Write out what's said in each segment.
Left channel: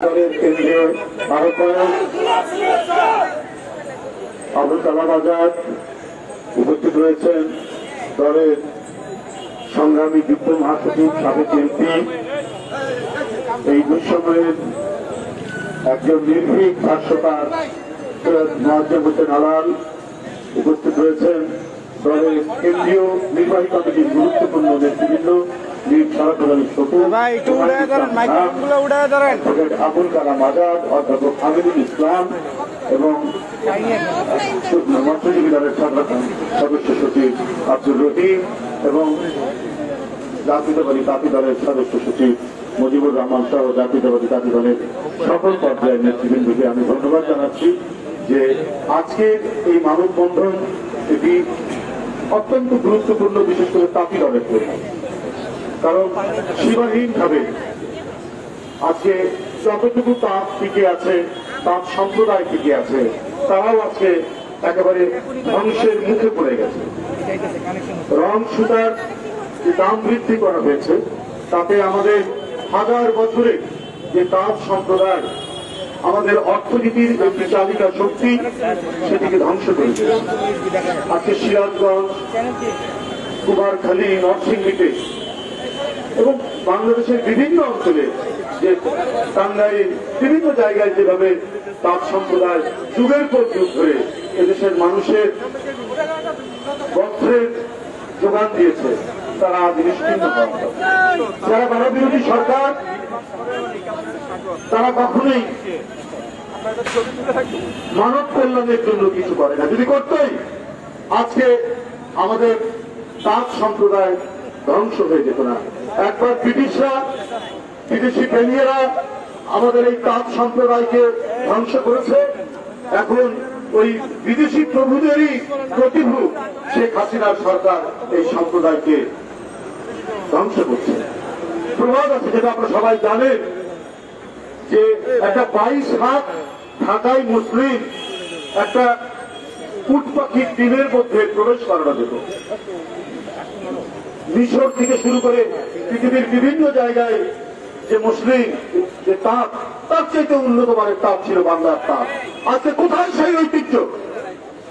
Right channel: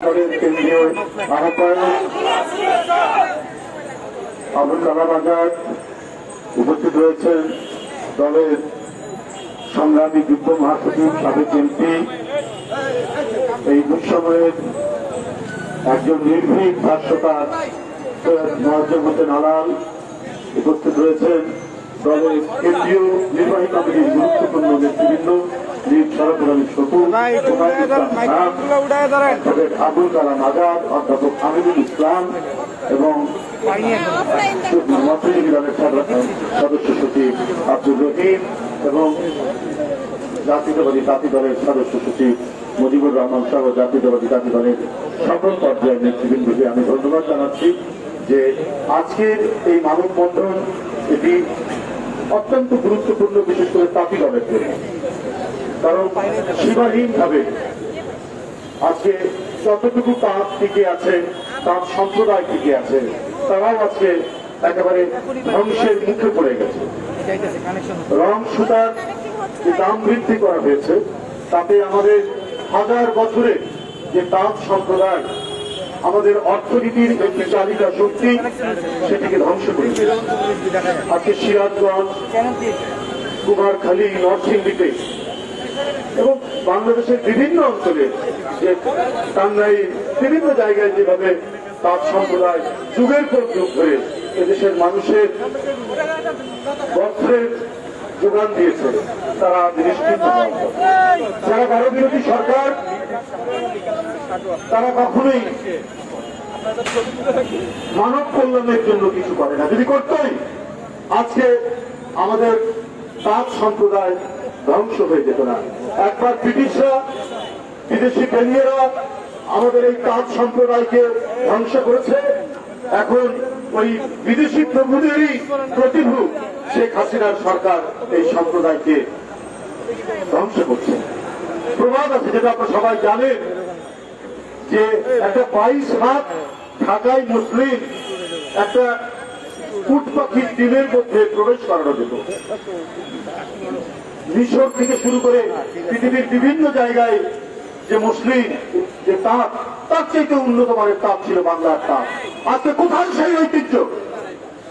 কেন্দ্রীয় আহ্বায়ক আবুল কালাম আজাদ উপস্থিত রয়েছেন, দলের সংগ্রামী যুগ্ম মহাসচিব সাবেক এমপি, এই দুঃসময়ের একজন নির্ভীক ভাষ্যকার সৈয়দ মোয়াজ্জেম হোসেন আলাল উপস্থিত রয়েছেন, দলের কেন্দ্রীয় নির্বাহী কমিটির গুরুত্বপূর্ণ নেতৃবৃন্দ বীর শরফুল আলী শকুর, অ্যাডভোকেট আবুল কালাম আজাদ, অধ্যাপক আমিনুল ইসলাম এবং মৎস্যজীবী দলের সদস্য সচিব আব্দুর রহিম এবং জাতীয়তাবাদী জাতি দলের সদস্য সচিব মুজিবুর রহমান সহ জাতীয়তাবাদী জাতি দলের সকল পর্যায়ের নেতৃবৃন্দকে আমি ধন্যবাদ জানাচ্ছি যে আজকের এই মানববন্ধন এটি অত্যন্ত গুরুত্বপূর্ণ, বিশেষ করে তাঁতি দলের জন্য। কারণ সীমাহীনভাবে আজকে যতটুকু তাঁত টিকে আছে, তাঁত সম্প্রদায় টিকে আছে, তারাও আজকে একেবারে ধ্বংসের মুখে পড়ে গেছে। রং সুতার যে দাম বৃদ্ধি করা হয়েছে তাতে আমাদের হাজার বছরের যে তাঁত সম্প্রদায় আমাদের অর্থনীতির একটি চালিকা শক্তি, সেটিকে ধ্বংস করেছে। আজকে সিরাজগঞ্জ, কুমারখালী, নরসিংদীতে এবং বাংলাদেশের বিভিন্ন অঞ্চলে যে টাঙ্গাইল, বিভিন্ন জায়গায় যেভাবে তাঁত সম্প্রদায় যুগের পর যুগ ধরে এদেশের মানুষের বস্ত্রের যোগান দিয়েছে, তারা আজ নিশ্চিন্ত হওয়া। যারা ভারতবিরোধী সরকার, তারা কখনোই মানব কল্যাণের জন্য কিছু করে না। যদি করতেই আজকে আমাদের তাঁত সম্প্রদায় ধ্বংস হয়ে যেত না। একবার ব্রিটিশরা, বিদেশি প্রেমীরা আমাদের এই তাঁত সম্প্রদায়কে ধ্বংস করেছে, এখন ওই বিদেশি প্রভুদেরই প্রতিভূ শেখ হাসিনার সরকার এই সম্প্রদায়কে ধ্বংস করছে। প্রবাদ আছে, যেটা আপনারা সবাই জানেন, যে একটা 22 হাত ঢাকায় মুসলিম একটা উট পাখির ডিমের মধ্যে প্রবেশ করানো যেত। মিশর থেকে শুরু করে পৃথিবীর বিভিন্ন জায়গায় যে মুসলিম যে তাঁত, তার চাইতে উন্নত মানের তাঁত ছিল বাংলার তাঁত। আজকে কোথায় সেই ঐতিহ্য?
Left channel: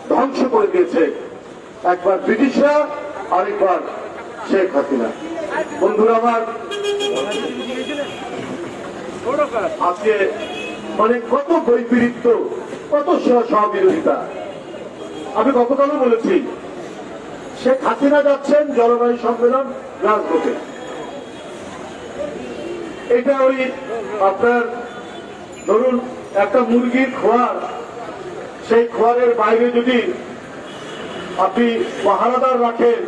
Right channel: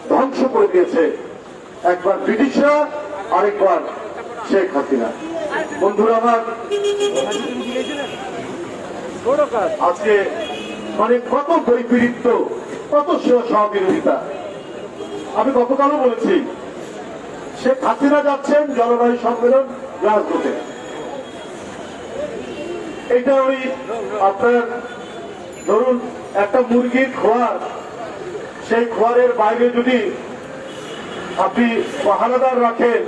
ধ্বংস করে দিয়েছে একবার ব্রিটিশরা, আরেকবার শেখ হাসিনা। বন্ধুরা আমার, আজকে মানে কত বৈপরীত্য, কত সহবিরোধিতা। আমি গতকালও বলেছি, শেখ হাসিনা যাচ্ছেন জলবায়ু সম্মেলন গ্লাসগোতে। এটা ওই আপনার ধরুন একটা মুরগির খোয়ার, সেই খোয়ারের বাইরে যদি আপনি পাহারাদার রাখেন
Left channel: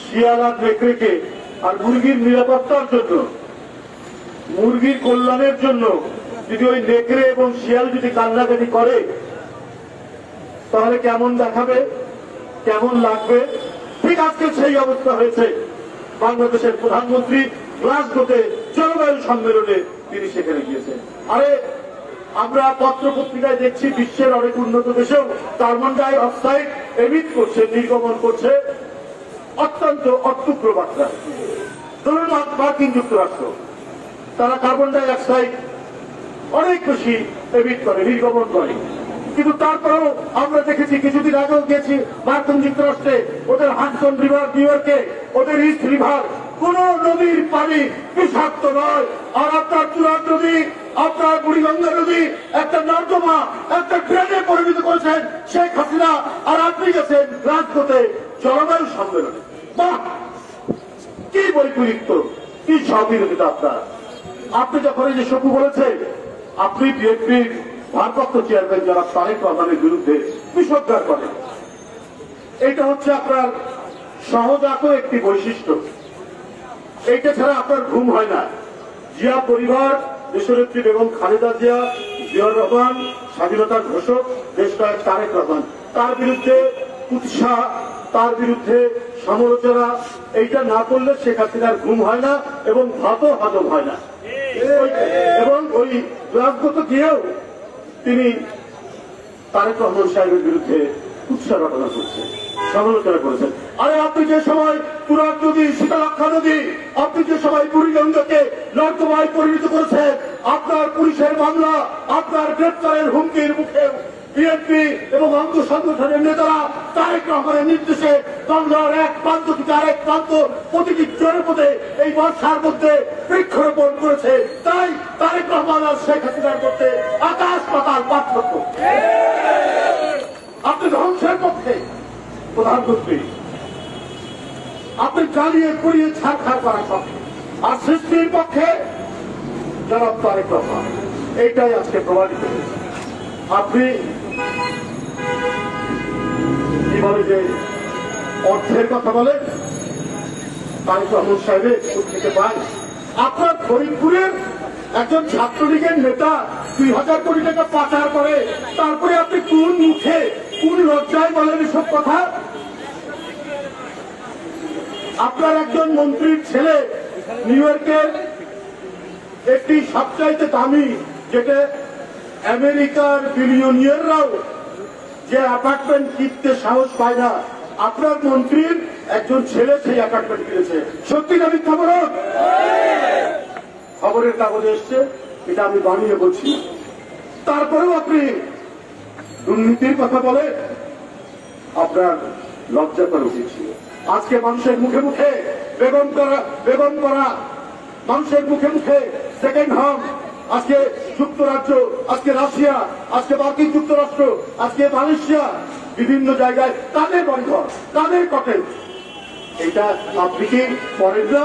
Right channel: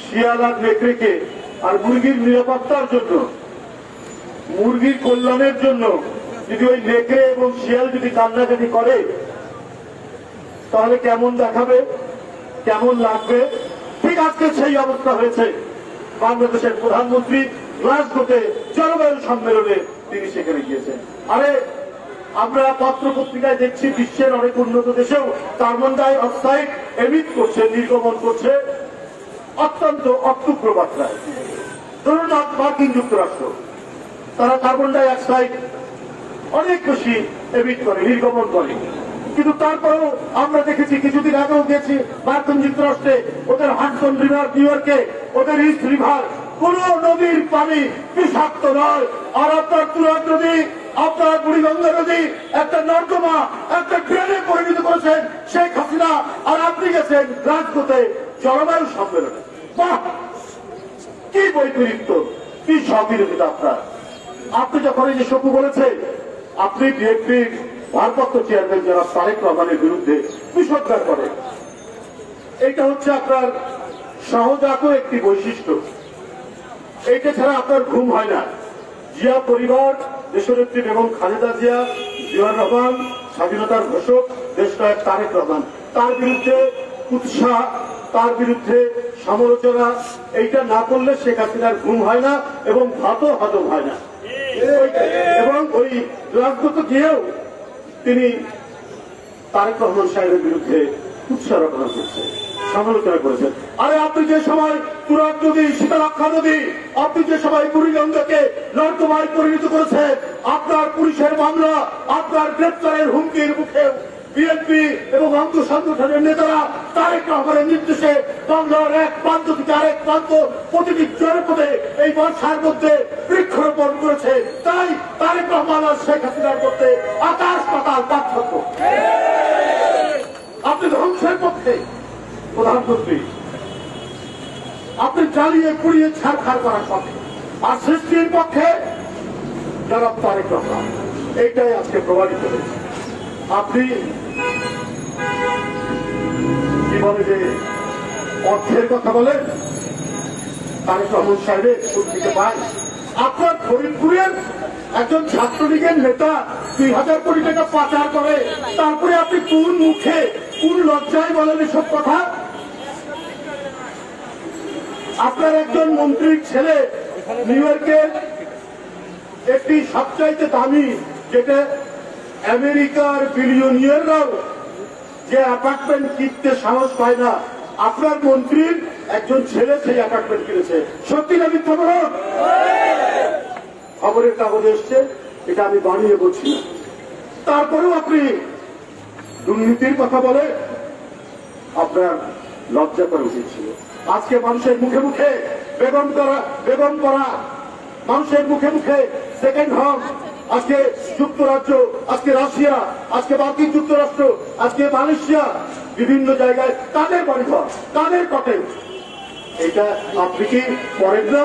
শিয়াল আর নেকড়েকে, আর মুরগির নিরাপত্তার জন্য, মুরগির কল্যাণের জন্য যদি ওই নেকড়ে এবং শিয়াল যদি কান্নাকাটি করে, তাহলে কেমন দেখাবে, কেমন লাগবে? ঠিক আজকে সেই অবস্থা হয়েছে। বাংলাদেশের প্রধানমন্ত্রী গ্লাসগোতে জলবায়ু সম্মেলনে তিনি সেখানে গিয়েছেন। আরে আমরা পত্র পত্রিকায় দেখছি বিশ্বের অনেক উন্নত দেশেও কার্বন ডাই অক্সাইড এমিট করছে, নির্গমন করছে অত্যন্ত অত্যুগ্র মাত্রায়। ধরুন মার্কিন যুক্তরাষ্ট্র, তারা কার্বন ডাই অক্সাইড অনেক বেশি এমিট করে, নির্গমন করে, কিন্তু তারপরেও আমরা দেখেছি, কিছুদিন আগেও গেছি মার্কিন যুক্তরাষ্ট্রে, ওদের হাডসন রিভার, নিউ ইয়র্কে ওদের ইস্ট রিভার, কোন নদীর পানি বিষাক্ত নয়। আর আপনার তুরাগ নদী, আপনার বুড়িগঙ্গা নদী একটা নর্দমা, একটা ড্রেনে পরিণত করেছেন শেখ হাসিনা। আর আপনি গেছেন গ্লাসগোতে জলবায়ু সম্মেলনে। বাহ, কি বৈপরীত্য, কি সহবিরোধিতা আপনার! আপনি যখন এই যে শকু বলেছে, আপনি বিএনপির ভারপ্রাপ্ত চেয়ারম্যান যারা তারেক রহমানের বিরুদ্ধে বিষোদ্গার করেন, এইটা হচ্ছে আপনার সহজাত একটি বৈশিষ্ট্য। এইটা ছাড়া আপনার ঘুম হয় না। জিয়া পরিবার, দেশনেত্রী বেগম খালেদা জিয়া, জিয়াউর রহমান, স্বাধীনতার ঘোষক দেশনায়ক তারেক রহমান, তার বিরুদ্ধে উৎসাহ, তার বিরুদ্ধে সমালোচনা, এইটা না করলে শেখ হাসিনার ঘুম হয় না এবং ভাতও হজম হয় না। এবং ওই গ্লাসগোতে গিয়েও তিনি তারেক রহমান সাহেবের বিরুদ্ধে কুৎসা রটনা করছে, সমালোচনা করেছেন। আরে আপনি যে সময় তুরাগ নদী, শীতলক্ষা নদী, আপনি যে সময় বুড়িগঙ্গাকে নর্দমায় পরিণত করেছেন, আপনার পুলিশের মামলা, আপনার গ্রেপ্তারের হুমকির মুখে বিএনপি এবং অঙ্গ সংগঠনের নেতারা তারেক রহমানের নির্দেশে বাংলার এক প্রান্ত থেকে আরেক প্রান্ত প্রতিটি জনপদে এই বর্ষার মধ্যে বৃক্ষরোপণ করেছে। তাই তারেক রহমান আর শেখ হাসিনার মধ্যে আকাশ পাতাল পার্থক্য। আপনি ধ্বংসের পক্ষে প্রধানমন্ত্রী, আপনি জ্বালিয়ে পুড়িয়ে ছাড়খাড় করার পক্ষে, আর সৃষ্টির পক্ষে জনাব তারেক রহমান। এইটাই আজকে প্রমাণিত হয়েছে। আপনি কি বলে যে অর্থের কথা বলেন, তারেক রহমান সাহেবের সুদ থেকে পায়। আপনার ফরিদপুরের একজন ছাত্রলীগের নেতা ২,০০০ কোটি টাকা পাচার করে, তারপরে আপনি কোন মুখে কোন লজ্জায় বলেন এসব কথা? আপনার একজন মন্ত্রীর ছেলে নিউ ইয়র্কের একটি সবচাইতে দামি, যেটা আমেরিকার বিলিয়নিয়াররাও যে অ্যাপার্টমেন্ট কিনতে সাহস পায় না, আপনার মন্ত্রীর একজন ছেলে সেই অ্যাপার্টমেন্ট কিনেছে। সত্যি না মিথ্যা বলুন? খবরের কাগজে এসছে, এটা আমি বানিয়ে বলছি। তারপরেও আপনি দুর্নীতির কথা বলে আপনার লজ্জা করা উচিত ছিল। আজকে মানুষের মুখে মুখে বেগম করা, মানুষের মুখে মুখে সেকেন্ড হোম, আজকে যুক্তরাজ্য, আজকে রাশিয়া, আজকে মার্কিন যুক্তরাষ্ট্র, আজকে মালয়েশিয়া, বিভিন্ন জায়গায় তাদের বাড়িঘর, তাদের কটেল। এটা আপনি কি পড়েন না?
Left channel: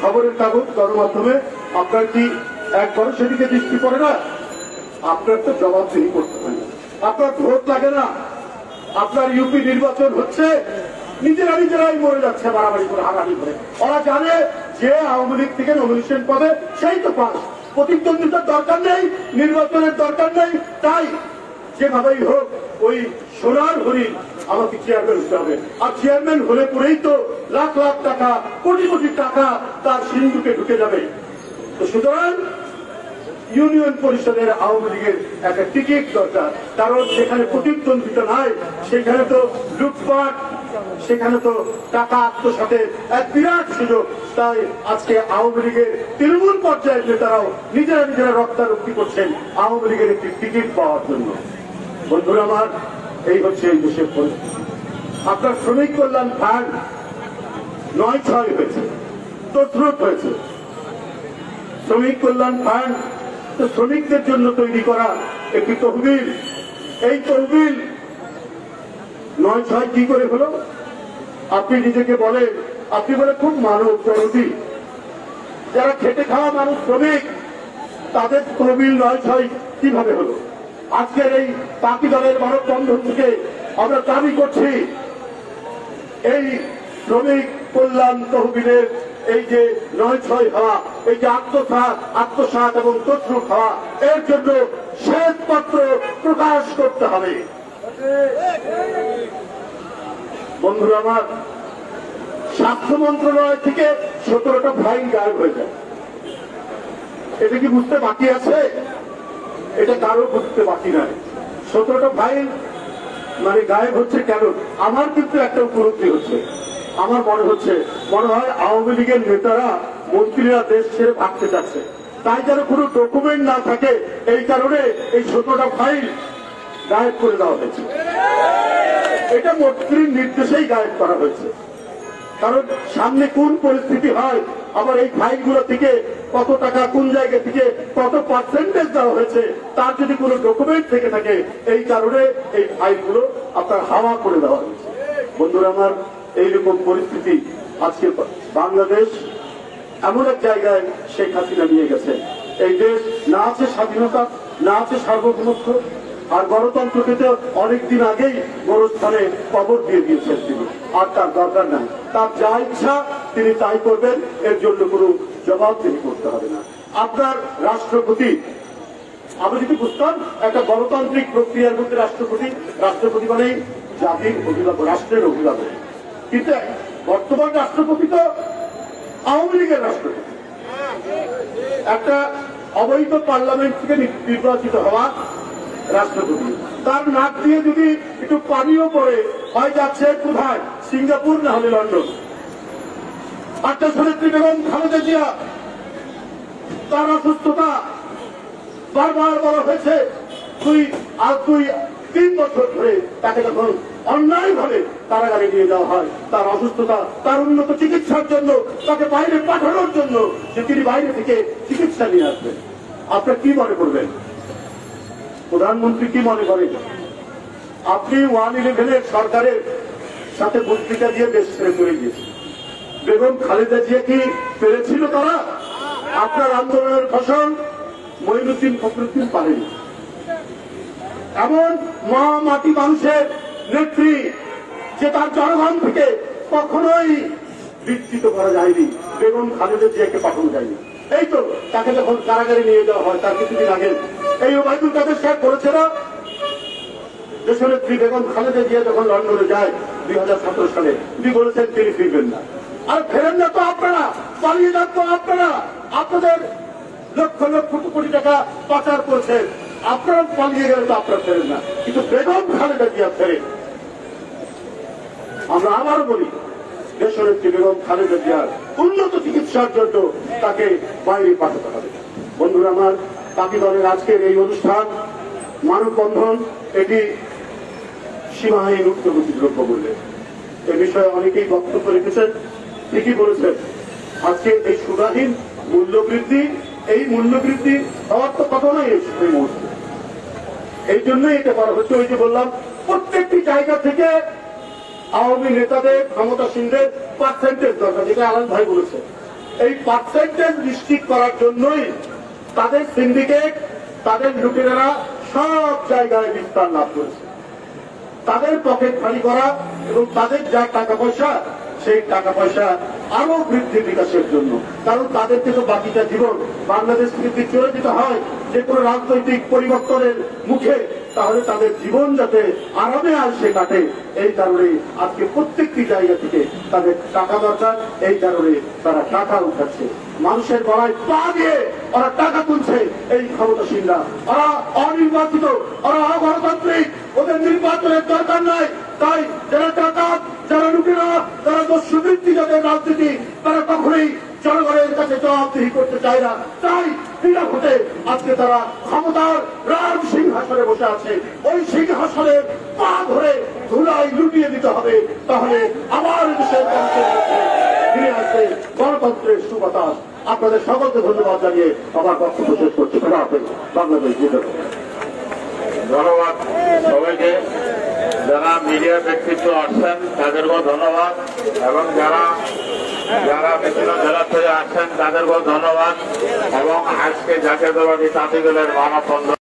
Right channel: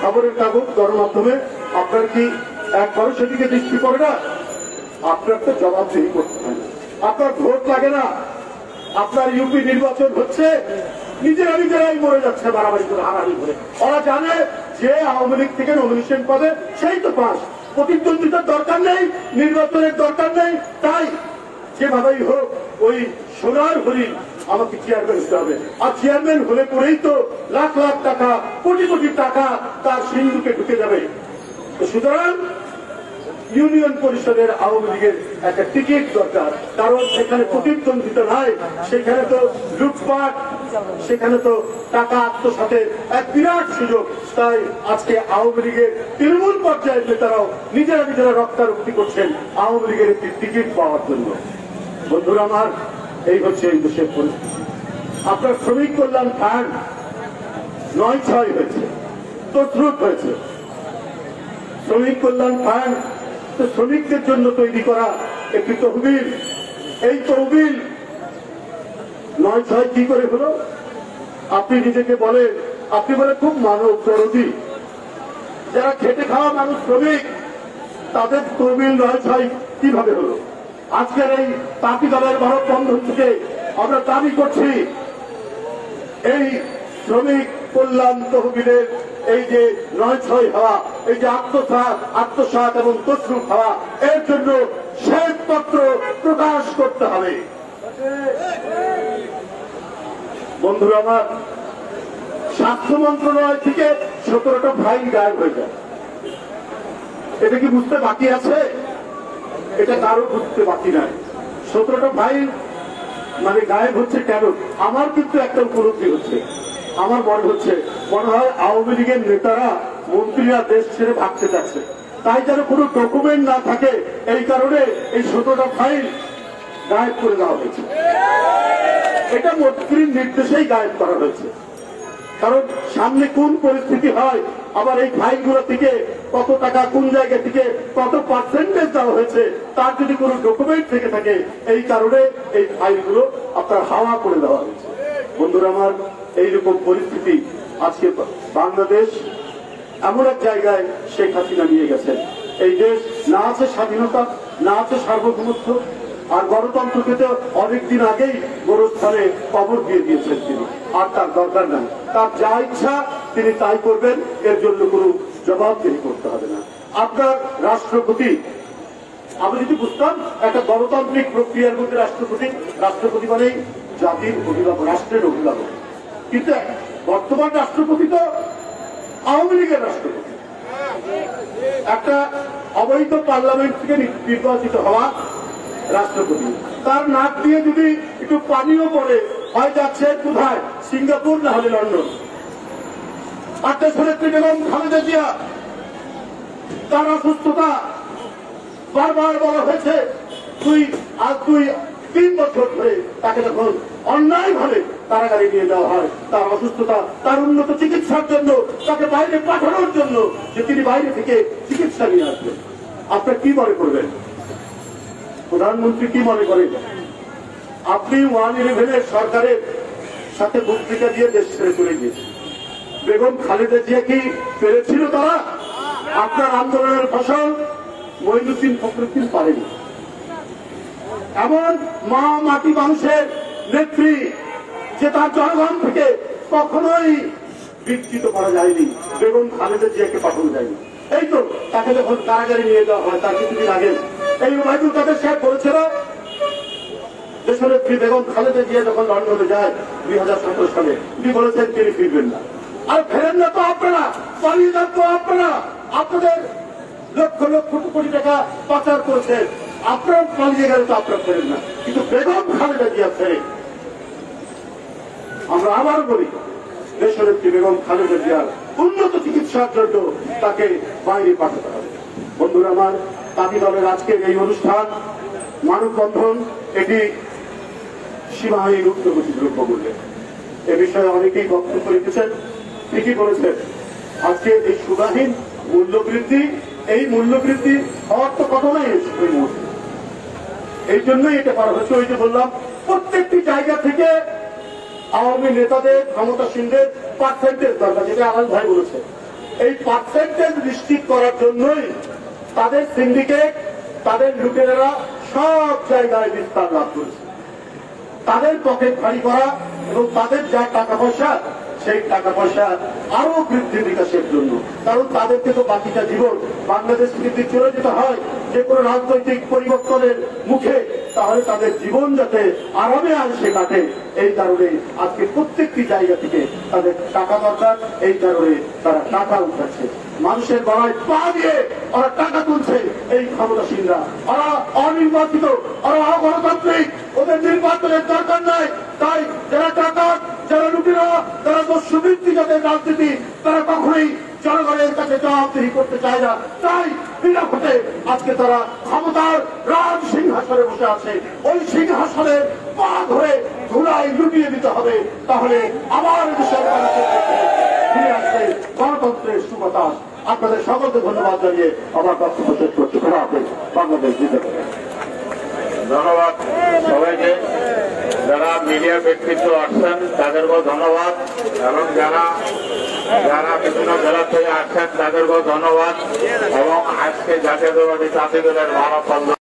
খবরের কাগজ, গণমাধ্যমে আপনার কি একবারও সেদিকে দৃষ্টি পড়ে না? আপনার তো জবাবদিহি করতে হয় না, আপনার ভোট লাগে না। আপনার ইউপি নির্বাচন হচ্ছে, নিজেরাই মরে যাচ্ছে বাড়াবাড়ি করে, হারাহারি করে। ওরা জানে যে আওয়ামী লীগ থেকে নমিনেশন পাবে সেই তো পাস, প্রতিদ্বন্দ্বিতার দরকার নেই, নির্বাচনের দরকার নেই। তাই যেভাবেই হোক ওই সোনার হরিণ আমাকে চেয়ারম্যান হতে হবে, আর চেয়ারম্যান হলে পরেই তো লাখ লাখ টাকা, কোটি কোটি টাকা তার সিন্ধুকে ঢুকে যাবে। সুতরাং ইউনিয়ন পরিষদের আওয়ামী লীগের একটা টিকিট দরকার, কারণ সেখানে প্রতিদ্বন্দ্বিতা নাই, সেখানে তো লুটপাট, সেখানে তো টাকা আত্মসাতের এক বিরাট সুযোগ। তাই আজকে আওয়ামী লীগের তৃণমূল পর্যায়ের নেতারাও নিজেরা রক্তারক্তি করছেন আওয়ামী লীগের একটি টিকিট পাওয়ার জন্য। বন্ধুরা আমার, এই হচ্ছে এই দেশের পরিস্থিতি। আপনার শ্রমিক কল্যাণ ফান্ড ৯/৬ হয়েছে, তছরূপ হয়েছে। শ্রমিক কল্যাণ ফান্ড তো শ্রমিকদের জন্য তৈরি করা একটি তহবিল। এই তহবিল ৯/৬ কি করে হলো? আপনি নিজেকে বলেন, আপনি বলে খুব মানব দরদি, যারা খেটে খাওয়া মানুষ, শ্রমিক, তাদের তহবিল ৯/৬ কিভাবে হলো? আজকের এই তাঁতি দলের ভারত বন্ধন থেকে আমরা দাবি করছি, এই শ্রমিক কল্যাণ তহবিলের এই যে ৯/৬ হওয়া, এই যে আত্মসাৎ এবং তছরূপ হওয়া, এর জন্য শ্বেতপত্র প্রকাশ করতে হবে। বন্ধুরা আমার, স্বাস্থ্য মন্ত্রণালয় থেকে ১৭টা ফাইল গায়েব হয়ে যায়। এটা কি বুঝতে বাকি আছে? এটা কারো বুঝতে বাকি নয়। ১৭টা ফাইল মানে গায়েব হচ্ছে কেন? আমার কিন্তু একটা উপলব্ধি হচ্ছে, আমার মনে হয় আওয়ামী লীগের নেতারা, মন্ত্রীরা দেশ ছেড়ে ভাগতে চাচ্ছে, তাই যেন কোনো ডকুমেন্ট না থাকে, এই কারণে এই ১৭টা ফাইল গায়েব করে দেওয়া হয়েছে। এটা মন্ত্রীর নির্দেশেই গায়েব করা হয়েছে, কারণ সামনে কোন পরিস্থিতি হয়, আবার এই ফাইলগুলো থেকে কত টাকা কোন জায়গা থেকে কত পার্সেন্টেজ দেওয়া হয়েছে তার যদি কোনো ডকুমেন্ট থেকে থাকে, এই কারণে এই ফাইলগুলো আপনার হাওয়া করে দেওয়া হয়েছে। বন্ধুরা আমার, এইরকম পরিস্থিতি আজকে বাংলাদেশ এমন এক জায়গায় শেখ হাসিনা নিয়ে গেছেন। এই দেশ না আছে স্বাধীনতা, না আছে সার্বভৌমত্ব, আর গণতন্ত্রকে তো অনেকদিন আগেই গোরস্থানে কবর দিয়ে দিয়েছেন তিনি, আর তার দরকার নাই। তার যা ইচ্ছা তিনি তাই করবেন, এর জন্য কোনো জবাবদিহি করতে হবে না। আপনার রাষ্ট্রপতি, আমি যদি বুঝতাম একটা গণতান্ত্রিক প্রক্রিয়ার মধ্যে রাষ্ট্রপতি মানেই জাতির অভিভাবক, রাষ্ট্রের অভিভাবক, কিন্তু বর্তমান রাষ্ট্রপতি তো আওয়ামী লীগের রাষ্ট্রপতি। একটা অবৈধ পার্লামেন্ট থেকে নির্বাচিত হওয়া রাষ্ট্রপতি, তার নাক দিয়ে যদি একটু পানিও পড়ে হয় যাচ্ছে কোথায়, সিঙ্গাপুর না হলে লন্ডন। আত্মসনেত্রী বেগম খালেদা জিয়া, তার অসুস্থতা বারবার বলা হয়েছে, তুই 3 বছর ধরে তাকে যখন অন্যায় ভাবে কারাগারে নিয়ে যাওয়া হয়, তার অসুস্থতা, তার উন্নত চিকিৎসার জন্য, তাকে বাইরে পাঠানোর জন্য, যে তিনি বাইরে থেকে চিকিৎসা নিয়ে আসবেন। আপনার কি মনে করবেন? প্রধানমন্ত্রী কি মনে করেন? আপনি 111 সরকারের সাথে বক্তৃতা দিয়ে দেশ ছেড়ে চলে গিয়েছেন। বেগম খালেদা জিয়া কি পেরেছিল তারা? আপনার আন্দোলনের ফসল মঈনুদ্দিন ফখরুদ্দিন পারেনি। এমন মা মাটি মানুষের নেত্রী যে তার জনগণ থেকে কখনোই বিচ্যুত করা যায়নি, বেগম খালেদা জিয়াকে পাঠানো যায়নি। এই তো তাকে যখন কারাগারে নিয়ে যাওয়া হয় তার কিছুদিন আগে এই ওবায়দুল কাদের সাহেব বলেছিল, দেশনেত্রী বেগম খালেদা জিয়া যখন লন্ডনে যায় 2017 সালে, তিনি বলেছেন তিনি ফিরবেন না। আর ফেরেন না তো আপনারা, পালিয়ে যান তো আপনারা, আপনাদের লক্ষ লক্ষ কোটি টাকা পাচার করেছেন, আপনারা পালিয়ে গেলে তো আপনারা ফেরেন না, কিন্তু বেগম খালেদা জিয়া ফেরেন। আমরা আবারও বলি, দেশনেত্রী বেগম খালেদা জিয়ার উন্নত চিকিৎসার জন্য তাকে বাইরে পাঠাতে হবে। বন্ধুরা আমার, তাঁতি দলের আজকের এই অনুষ্ঠান মানববন্ধন, এটি সীমাহীন উচ্চগতি দ্রব্য মূল্য, এ বিষয়ে অনেকেই বক্তব্য রেখেছেন, ঠিকই বলেছেন। আজকে এই সীমাহীন মূল্যবৃদ্ধি, এই মূল্যবৃদ্ধি হওয়ার তো কথা নাই এই মুহূর্তে, এই জন্যই এটা করা হচ্ছে। ওই যে বললাম, প্রত্যেকটি জায়গা থেকে আওয়ামী নেতাদের, ক্ষমতাসীনদের পার্সেন্টেজ দরকার, যেটা আলাল ভাই বলেছে। এই পার্সেন্টেজ নিশ্চিত করার জন্যই তাদের সিন্ডিকেট, তাদের লুটেরারা সব জায়গায় বিস্তার লাভ করেছে। তাদের পকেট ভারী করা এবং তাদের যা টাকা পয়সা, সেই টাকা পয়সা আরো বৃদ্ধি বিকাশের জন্য। কারণ তাদেরকে তো বাকিটা জীবন বাংলাদেশ থেকে চলে যেতে হয় যে কোনো রাজনৈতিক পরিবর্তনের মুখে, তাহলে তাদের জীবন যাতে আরামে আসে কাটে, এই কারণে আজকে প্রত্যেকটি জায়গা থেকে তাদের টাকা দরকার, এই কারণে তারা টাকা উঠাচ্ছে। মানুষের গলায় পা দিয়ে ওরা টাকা তুলছে এই ক্ষমতাসীনরা। ওরা অনির্বাচিত, ওরা অগণতান্ত্রিক, ওদের নির্বাচনের দরকার নাই। তাই যারা টাকা, যারা লুটেরা, যারা দস্যুবৃত্তি, যাদের রাজনীতি, তারা কখনোই জনগণের কাছে জবাবদিহি করতে চায় না। তাই বিনা ভোটে আজকে তারা ক্ষমতার রাজ সিংহাসনে বসে আছে। ওই সিংহাসনে পা ধরে ধুলাই লুটিয়ে দিতে হবে, তাহলে আবার দেশের মানুষের কাছে ফিরে আসবে গণতন্ত্রের সুবাতাস। আপনাদের সকলকে ধন্যবাদ জানিয়ে আমার বক্তব্য শেষ করতে হবে। বাংলাদেশ জিন্দাবাদ। ধন্যবাদ সবাইকে। যারা মিডিয়া ব্যক্তিত্ব আসছেন তাদেরকেও ধন্যবাদ, এবং যারা বিভিন্ন জেলা থেকে আসছেন তাদেরকেও ধন্যবাদ, এবং আজকে জাতীয়তাবাদী তাঁতি দলের মহাসংঘ